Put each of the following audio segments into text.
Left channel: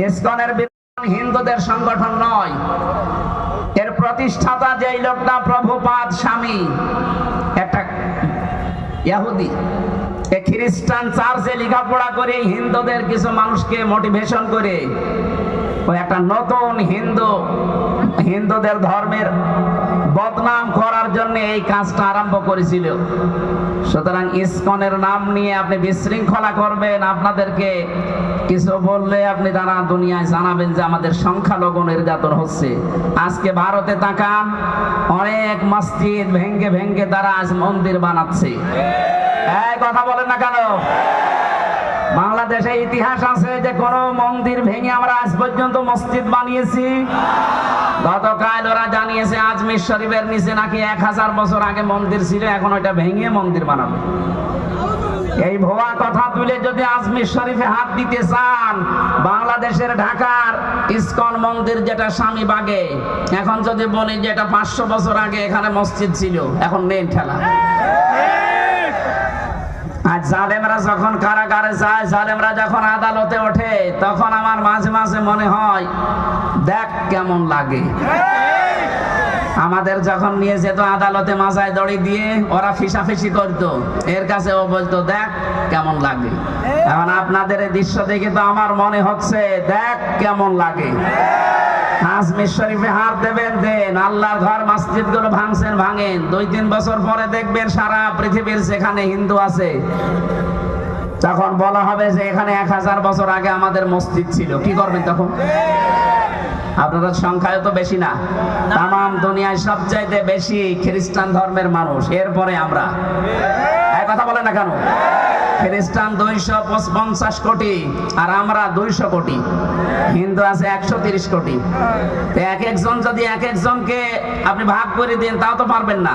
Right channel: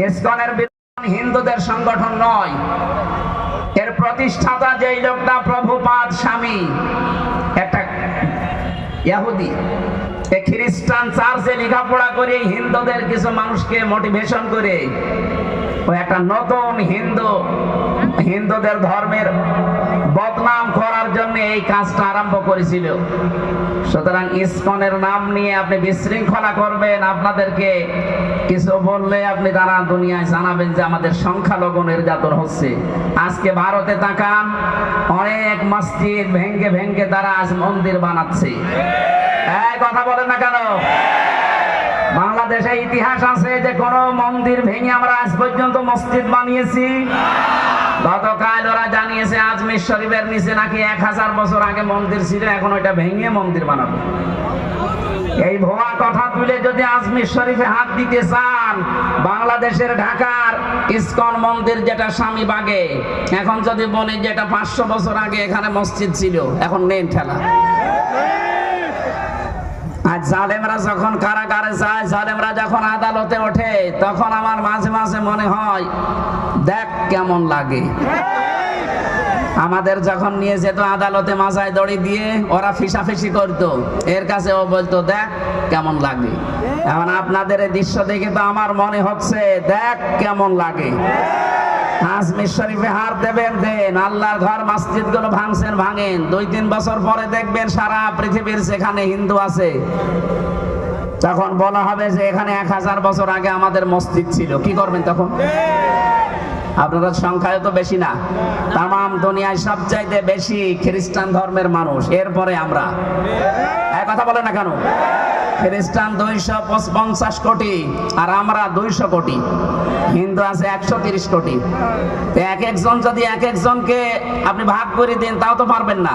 ইসকনের বিধান হিন্দুদের সংগঠন নয়। এর প্রতিষ্ঠাতা যেই লোকটা প্রভুপাদ স্বামী, একটা ইয়াহুদি খ্রিস্টান চার্চে লেখাপড়া করে হিন্দুদের কিছু মানুষকে মোটিভেশন করে। ও একটা নতুন হিন্দু হিন্দুদের ধর্মের বদনাম করার জন্য এই কাজটা আরম্ভ করেছিল। সুতরাং ইসকনের নাম নিয়ে আপনি বিশৃঙ্খলা করবেন, আপনাদেরকে কিছু বললে আপনি তারা দুনিয়ায় জানাবেন যে আমাদের সংখ্যালঘু নির্যাতন হচ্ছে। আজকে ভারতে তাকান, অনেক মসজিদ ভেঙ্গে ভেঙ্গে তারা আজ মন্দির বানাচ্ছে। কথা বলে না কেন? বাংলাদেশে ইতিহাস আছে যে কোন মন্দির ভেঙে আমরা আজ পর্যন্ত মসজিদ বানিয়েছি। গতকাল ওরা জানিয়েছে আজমির শরীফের নিচে নাকি এক হাজার বছর আগে মন্দির ছিল, এখন ওইটা ভেঙে মন্দির বানাবে। এই ভুয়া কথা তুলে যদি আজমির শরীফে হাত দিতে চান, বাংলাদেশের ঢাকার ইসকন মন্দির যেটা স্বামী বাগে, এখন যদি বলি যে এটা পাঁচশো বছর আগে এখানে মসজিদ ছিল, এখন নেই ঠেলা। আর জালেমরা যখন কারাগারে যায়, জালেমরা যখন আদালতে ওঠে, তখন আমার মাঝে মাঝে মনে হয় দেখ কেমন লাগে। আমাদের যখন নিয়ে যেত আদালতে মাথায় দড়ি দিয়ে, ওরা ফিসাফিসি করতো। এর কাছে ও বলতো, দেখ কেমন লাগে। এখন আপনাদের এই দৃশ্য দেখে তো আমার মনে হচ্ছে, দেখ কেমন লাগে। দেবেন, দেন আল্লাহরগুলো ভাঙছেন, ভাঙেন। দুই, তিন বছর পরে দেখবেন সারা পৃথিবীর যেখানে হিন্দু আছে। তখন বলা হবে যে এখানে এক হাজার বছর আগে আমাদের মসজিদ ছিল। কি করবেন তখন? আপনাদের সংখ্যায় তো বেশি না। তাম দুনিয়ায় সবচাইতে বেশি খ্রিস্টান ধর্মের মানুষ। এরপরে আমরা। কথা বলে না কেন? খ্রিস্টান দুইশো পঞ্চাশ কোটি, আর আমরা দুইশো কোটি। হিন্দু আছে একশো তিরিশ কোটি। এক একজন যদি এক একজনকে আপনি ভাগ করে দেন, তাও তো পারবেন না।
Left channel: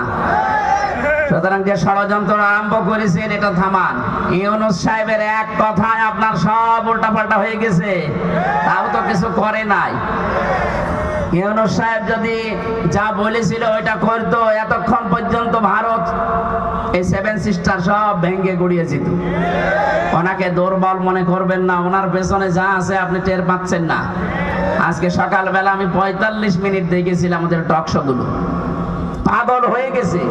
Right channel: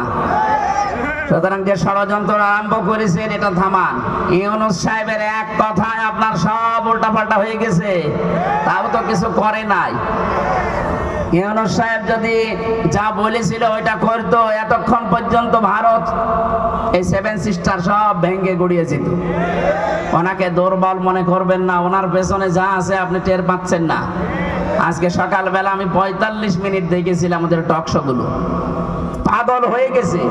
সুতরাং যে ষড়যন্ত্র আরম্ভ করেছেন, এটা থামান। ইউনুস সাহেবের এক কথায় আপনার সব উল্টাপাল্টা হয়ে গেছে। তাও তো কিছু করে নাই। ইউনুস সাহেব যদি যা বলেছিল ওইটা করতো, এতক্ষণ পর্যন্ত ভারত এই সেভেন সিস্টার সব ভেঙে গড়িয়ে যেত ওনাকে দুর্বল মনে করবেন না, ওনার পেছনে যা আছে আপনি টের পাচ্ছেন না। আজকে সকালবেলা আমি পঁয়তাল্লিশ মিনিট দেখেছিলাম ওদের টকশো গুলো পাগল হয়ে গেছে।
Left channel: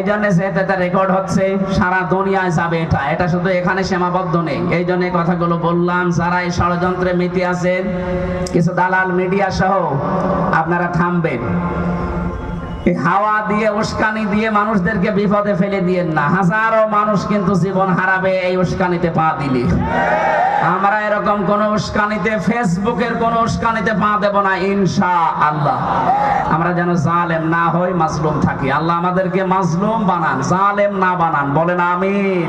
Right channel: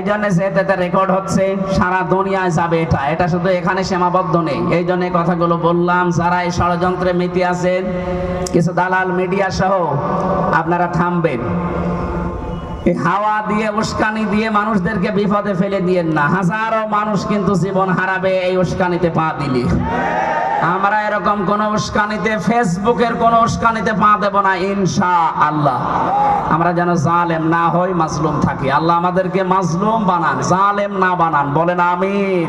এই জন্য যেটা রেকর্ড হচ্ছে, সারা দুনিয়ায় যাবে এটা। এটা শুধু এখানে সীমাবদ্ধ নেই। এই জন্য কথাগুলো বললাম, যারা এই ষড়যন্ত্রে মেতে আছেন, কিছু দালাল মিডিয়া সহ আপনারা থামবেন। এই হাওয়া দিয়ে, উস্কানি দিয়ে মানুষদেরকে বিপদে ফেলে দিয়েন না। হাজারো মানুষ কিন্তু জীবন হারাবে, এই উস্কানিতে পা আমরা এরকম কোন উস্কানিতে, ফেসবুকের কোন উস্কানিতে পা দেব না ইনশা আল্লাহ আমরা যেন জালেম না হই, মাজলুম থাকি। আল্লাহ আমাদেরকে মাজলুম বানান, জালেম না বানান। বলেন আমিন।